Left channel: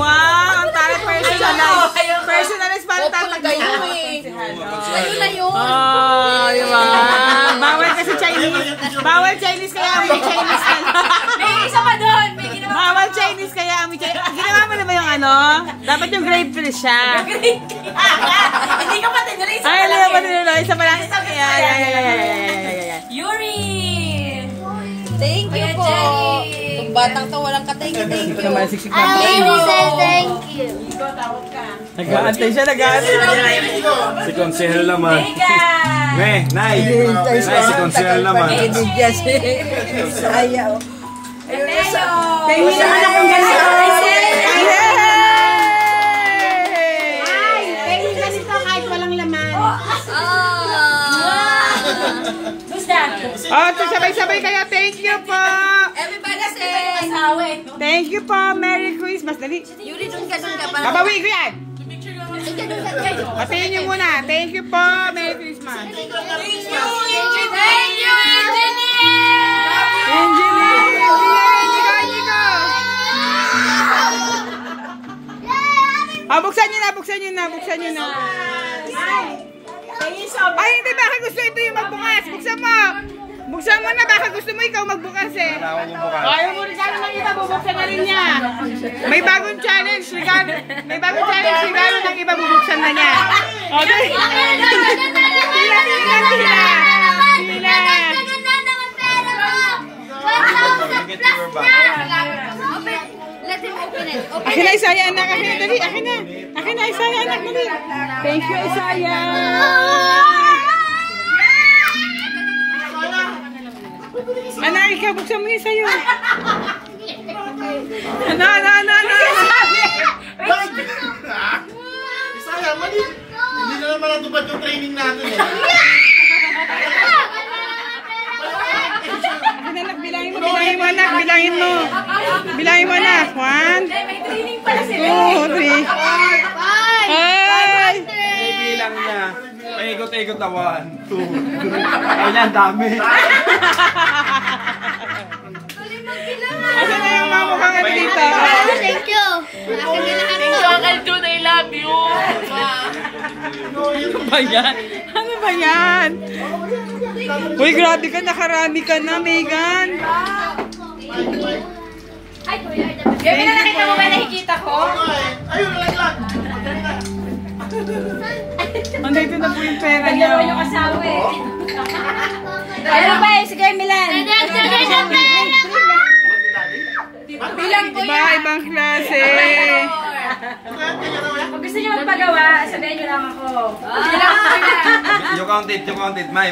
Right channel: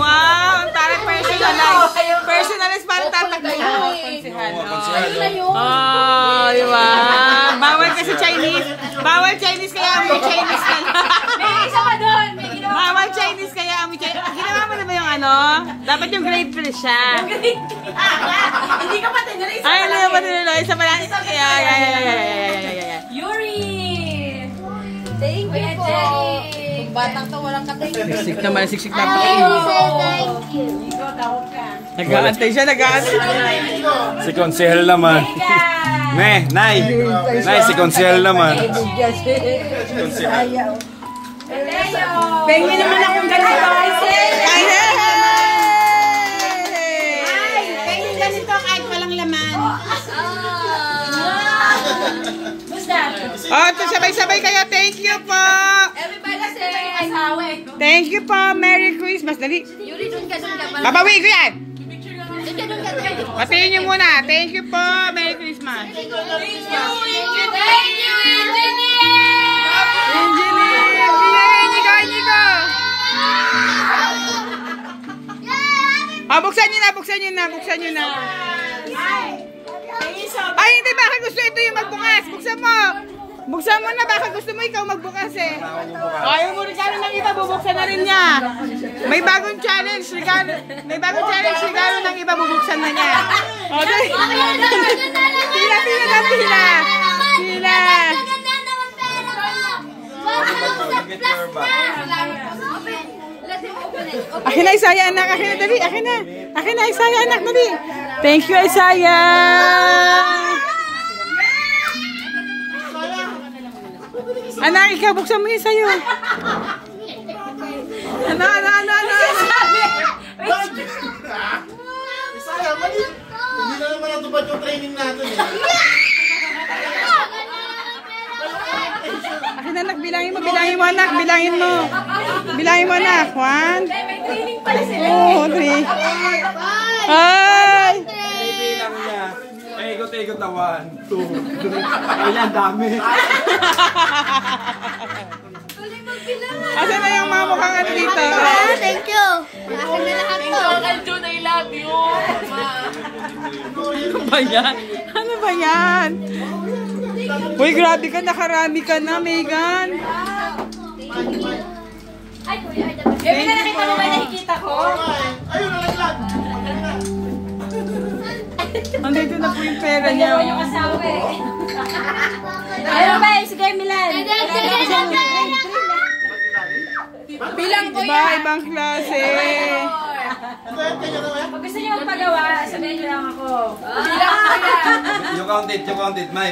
Wow, ang tari personalized. Personalized para tatagpuan. Oh, diba? Bawal kasi Chinese. Bawal Chinese kaya may Chinese ka na. Isa pa doon. Bawal Chinese kaya may Chinese. Ginawa mo na ba yung ano? Dapat yung grade 3 siya. Hindi ka pa tinry. Ay, hindi ka pa tinry. Isa pa lang. Yuri! Thank you po. Yung batang to walang ka-thank you. Siksik naman, siksik na. Baby says thank you. Nag-aantay siya, nag-aantay. Si Konsehal naman. Nay, si Konsehal naman. Ayaw. Tingin naman akong ganito. Tingin ganito kahit walang laman. Who's that? Oh, sabay-sabay kayo. Thank you po. Everybody say asawa eh. Thank you po. Merry Christmas. Dali. Yuri, dun ka pa. Babawi ko yan. Patingin niyo muna. Thank you po. Merry Christmas. Thank you, engineer! Engineer! Oh, buksan niyo na. Ay, hindi. Baka gusto ito yung magbukas. Buksan mo na. Baka gusto mo ikaw magbukas eh. Ayaw mo rin sana ng iba. Bubuksan na rin niya. May bagong challenge. Regalo ng iba. Bubuksan na niya. Okay. Tila. Let him open it. Akin na, Isaya, anak. Akin na, Isaya, anak. Dali. Thank you, Isaya. Anak, ikaw, buksan mo yung sa'yo. Ano. Isaya, mali. Hindi na naman natupad yung training natin eh. Akin na, anak, bilangin mo, anak. Bilangin mo, anak. 1, 2, 3. Ay! Bilang niya. Ikot-ikot na 1, 2, 3. Kailan, dami. Asan na yung mga mukhang ano dito? Thank you. Thank you, Uncle Jun, I love you. Ano ba yan? Uy, grabe ka. Nakarami ka na, Megan. Ay, kuya. Gabi na nakita mo ba nakikita ko? Ayun, lang. Andito na po yung pera niya. Dalawa yung asawa eh. Ayun ba, si Kuya Milan. Bilang ko Diba, ibang klase. Pag gusto niyo magpagawa, sabihin niyo lang ako. Bilang ko yan. You count it, May.